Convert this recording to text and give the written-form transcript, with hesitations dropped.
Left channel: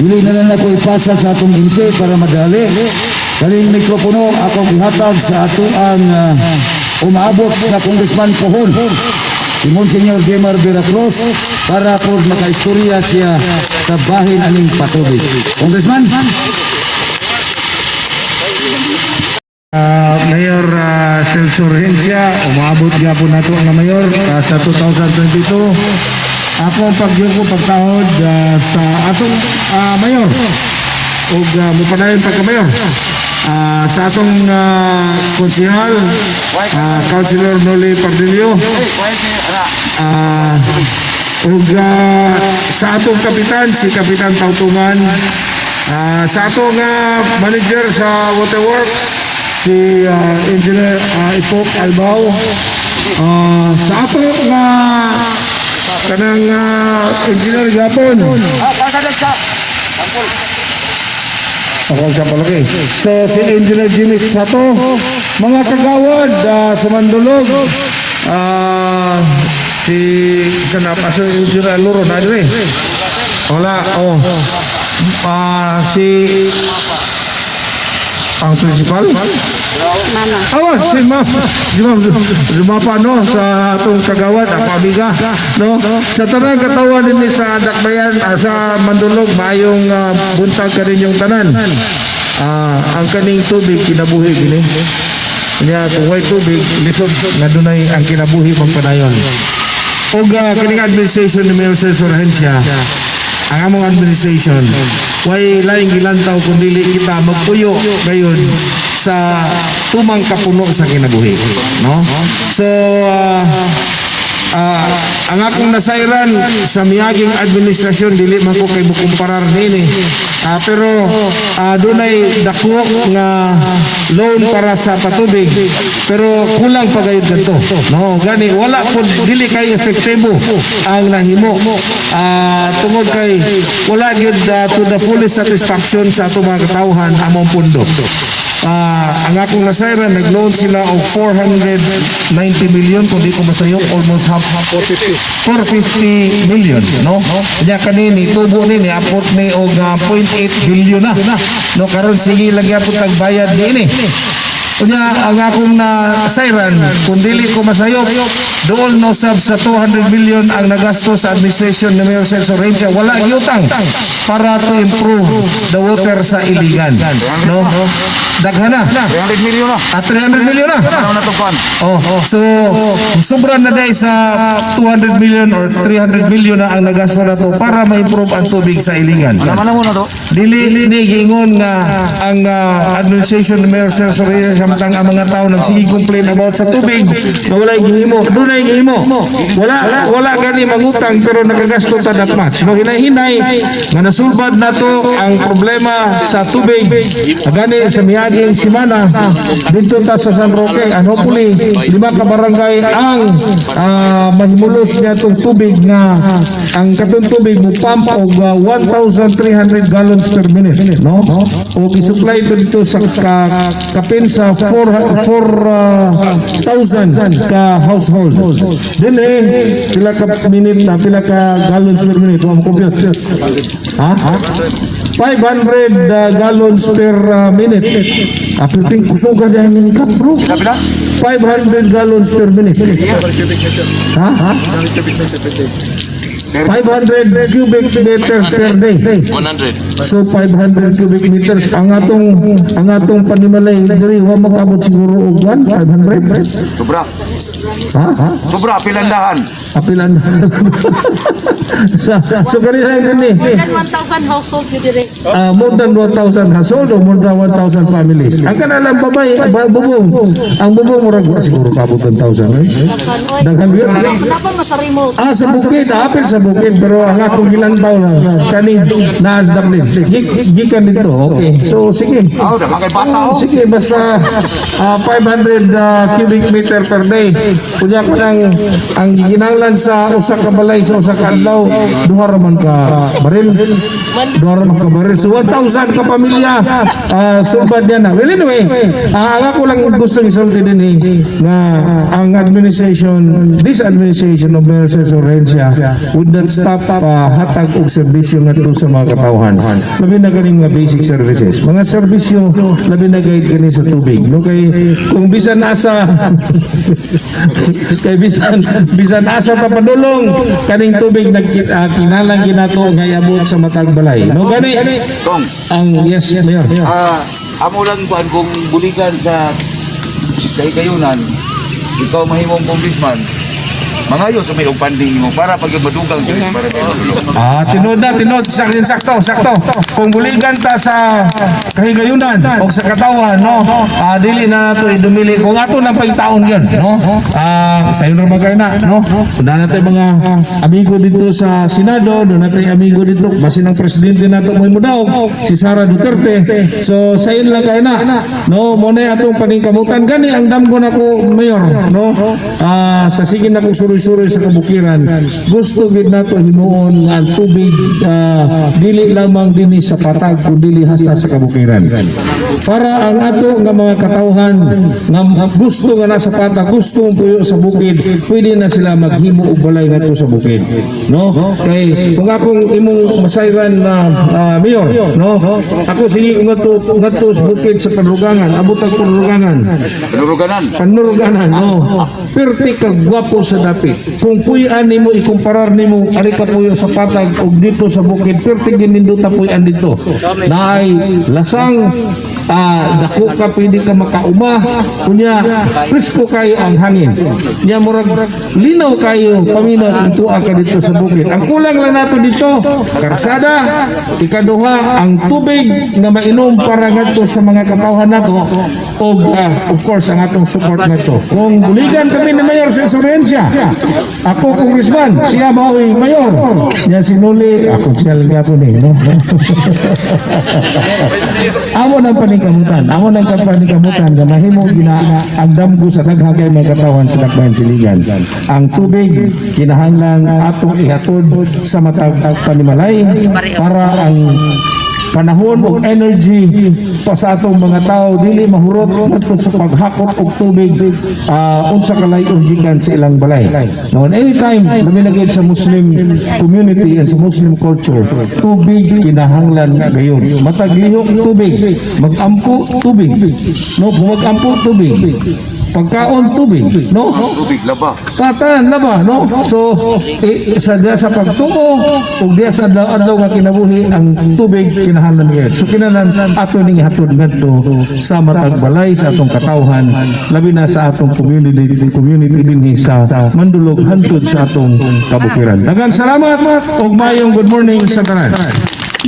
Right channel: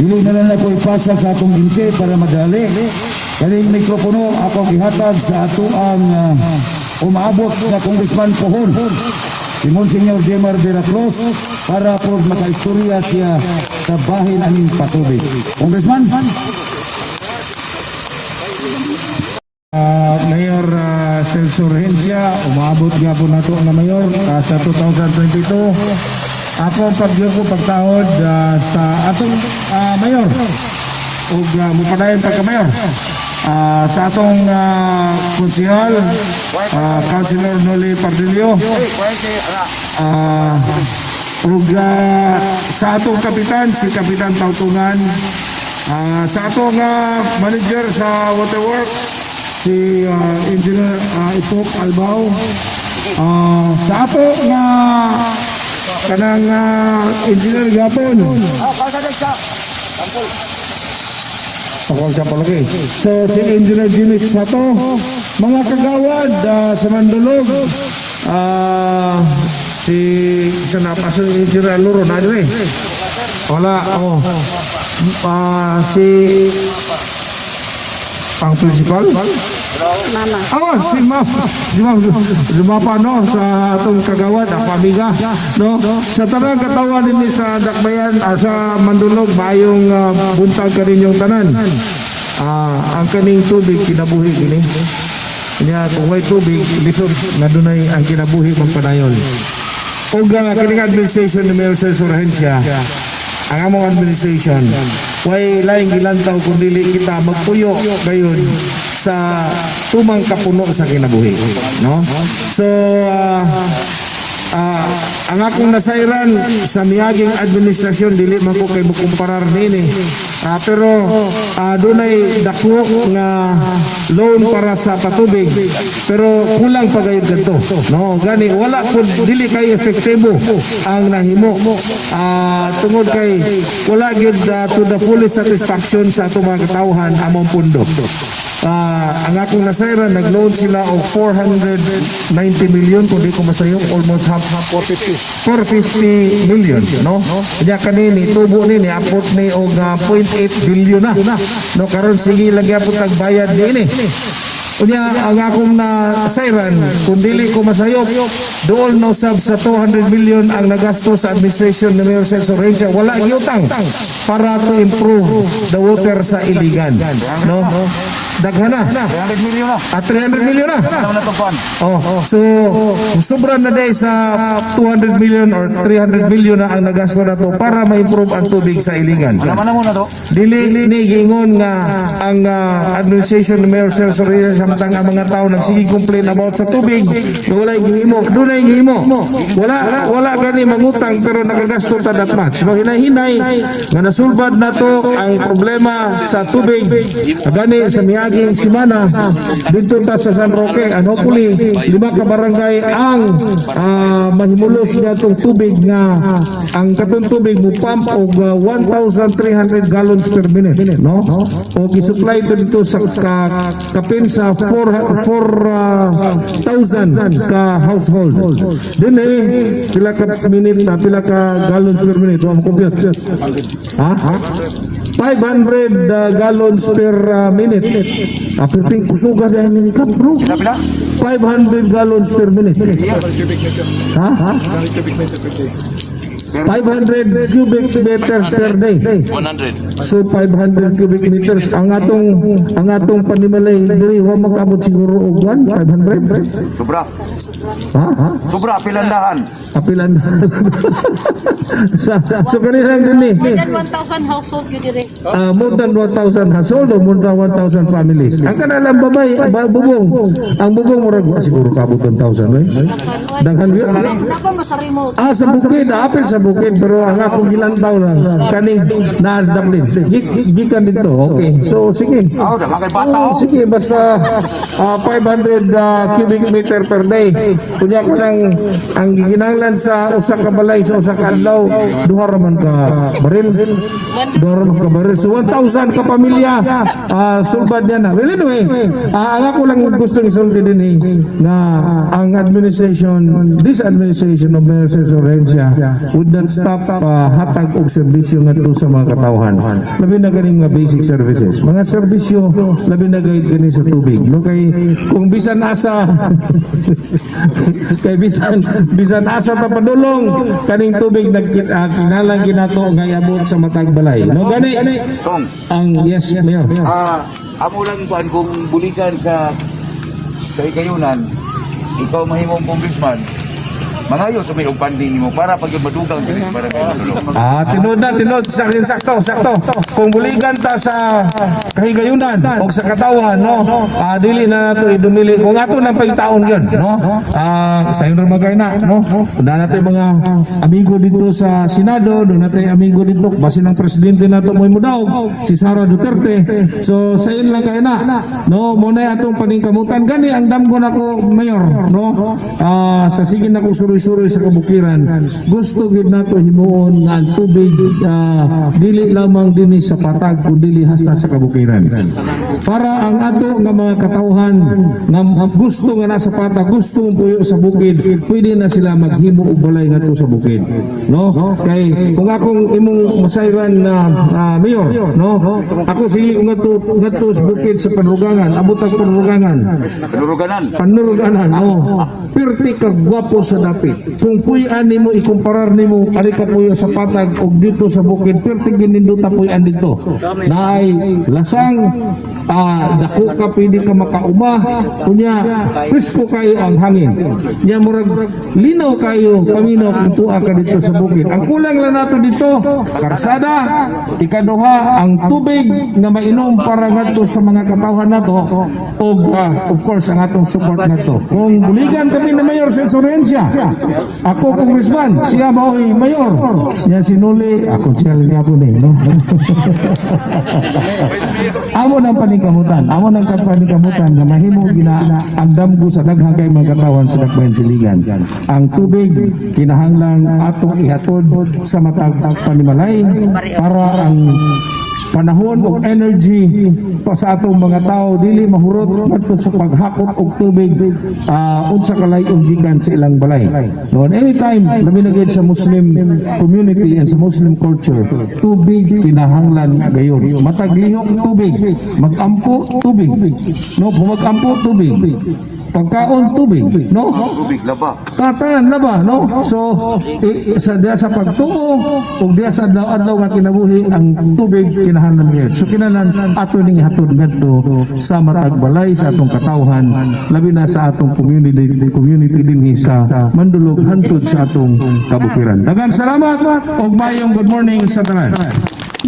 Dili na lang ako ipasa sa atong inse para madali. Kaling mikropono akong ihatag sa atuang umaabot na Congressman Pohon, si Monsignor Jemar Veracruz, para po makaistorya siya sa bahin aning patubig. Congressman? Mayor Celso Rehencia, umabot nga po na ito ang Mayor sa 2022. Ako pagyong ko pagtahod sa atong Mayor o mupadayon pagka-Mayor sa atong konsihal, Councilor Noli Pardillo, o sa atong kapitan, si Kapitan Tautungan, sa atong manager sa Waterworks, si Engineer Ipok Albao, sa ato nga kanang Engineer Gapon, ako sa palaki. So si Engineer Jimmy Sato, mga kagawad sa Mandulog, si Pastor Engineer Loro Nadre, wala, si ang principal? Mama. Si Mama. No, sa atong kagawad, ako amiga. No? Sa tarang katawan din sa Dakbayan, sa Mandulog, mayong buntag ka rin yung tanan. Ang kaning tubig, kinabuhi gini. Kaya kung may tubig, lisod nga dunay ang kinabuhi mong panayon. O kaning administration ni Mayor Celso Rehencia, ang among administration, way laing gilantaw kung dili kita magpuyo ngayon sa tumang kapuno sa kinabuhi, no? So ang akong nasairan sa miyaging administrasyon, dili man ko kay mukumparar nini, pero dunay dako nga loan para sa patubig, pero kulang pa kayo dito, no? Gani wala po, dili kay efektibo ang nahimo, tungod kay wala gyud to the fullest satisfaction sa atong mga katawhan among pundo. Ang akong nasairan, nag-loan sila og 490 million, kung di ko masayok, almost half 450 million, no? Kaya kanini, tubo ni apot ni og 0.8 billion na, no? Karon sige lagi apot nagbayad din Kunya ang akong nasairan, kung dili ko masayok, doon no sab sa 200 million ang nagasto sa administration ni Mayor Celso Rehencia, wala gyutang para to improve the water sa Iligan, no? Daghana 300 million na. 300 million na. Ano na to pan? So sobra na dahil sa 200 million or 300 million na ang nagasto na to para ma-improve ang tubig sa Iligan. Ano na to? Dili gingon nga ang administration ni Mayor Celso Rehencia samtang ang mga tao nagsige complain about sa tubig na wala gihimo. Dunay gihimo. Wala gani mangutang pero nagagasto ta that much. No, hinay-hinay nga nasulbad nato ang problema sa tubig. Gani sa miaging simana dito ta sa San Roque, and hopefully 5 ka barangay ang mahimulos niya itong tubig nga ang katong tubig mo pump og 1,300 gallons per minute, no? O gisupply dito sa kapin sa 4,000 ka household. Dili pila ka minute na pila ka gallons per minute mo compute. 500 gallons per minute. Apiting kusugan yan ng cup, bro. 500 gallons per minute. 500 cubic meters per day. 100. So 500 cubic meters ang atong panimalay diri wa magabot siguro og 500. Sobra. Sobra pilandahan. Apilan. So kanina gani. More than 1,000 household yun dire. More than 1,000 household o more than 1,000 families. Ang kanalang babay, ang bubong murag siguro kabot 1,000. Daghan yun. Wala pa masarimo. Sa bukid, apil sa bukid, pero ang akong ilantaw na kaning naadam din. Gikan dito, okay. So sige. Makay bata. Sige, basta 500 cubic meter per day. Kanya ko lang ang ginanglan sa usang kabalay sa usang kadlaw, duha ra man ka baril. Dora makabaril. So 1,000 ka pamilya subad yan na. Well, anyway, ang ako lang gusto isulti din na ang this administration of Mayor Cesar Herencia would not stop hatag og serbisyo ngadto sa mga katawhan. Labi na kaning mga basic services. Mga serbisyo labi na gayud kani sa tubig. No kay kung bisan asa kay bisan asa ta padulong kaning tubig kinahanglan ginato nga iabot sa matag balay. No gani Tong, ang yes Mayor. amo lang kuan kung buligan sa kayunan, ikaw mahimong congressman, mangayo sa may funding mo para pag madugang dili para Tinod sakto. Kung buligan ta sa kahigayunan o sa katawan, no, dili na nato idumili kung ato nang pagtaon yun, no. Sayo na magay na, no. Na natin mga amigo dito sa Senado, na natin amigo dito, basin ang presidente nato mo daw, si Sara Duterte. So sayo lang kayo na, no, muna atong paningkamutan gani ang damgo nako Mayor, no. Sa sige na kong suri sa kabukiran, gusto gid nato himuon nga ang tubig dili lamang dinhi sa patag kundi hasta sa kabukiran. Para ang ato nga mga katawhan nga gusto nga nasa patag, gusto puyo sa bukid, pwede na sila maghimo og balay ngadto sa bukid. No? Kay kung akong imong masayran na Mayor, no? Ako sige ngadto sa bukid sa Panurugangan, abot ang Panuruganan, no? Perti ka gwapo sa dapit. Kung puyan nimo ikumparar nimo ari ka puyo sa patag og dito sa bukid, perti gininduta puyan dito. Naay lasang dako ka pwede ka makauma, kunya presko kayo ang hangin. Nya murag linaw kayo paminaw dito ka dito sa bukid. Ang kulang lang nato dito, karsada, ikaduha ang tubig na mainom para ngadto sa mga katawhan nato og of course ang atong support nato. Kung buligan kami na Mayor sa Herencia, ako congressman, siya mao'y mayor. Yan sinuli, ako siya po ni. No? Amo ng panikamutan. Na mahimo ang damgo sa daghang kay mga katawan sa dakbayan siligan. Ang tubig, kinahanglan atong ihatod sa matag panimalay para ang panahon og energy pa sa atong mga tao dili mahurot adto sa paghakot og tubig unsa kalayo gikan sa ilang balay. Now anytime labi na sa Muslim community and sa Muslim culture, tubig kinahanglan gayon. Matag lihok tubig, magampo tubig. No, mag-ampo tubig. Pagkaon tubig, no? tubig laba. Tatan laba, no? So sa pagtuo ug diya sa adlaw nga kinabuhi ang tubig kinahanglan gyud. So kinahanglan ato ning hatod ngadto sa matag balay sa atong katawhan, labi na sa atong community dinhi sa Mandulog hangtod sa atong kabukiran. Daghang salamat ug mayong good morning sa tanan.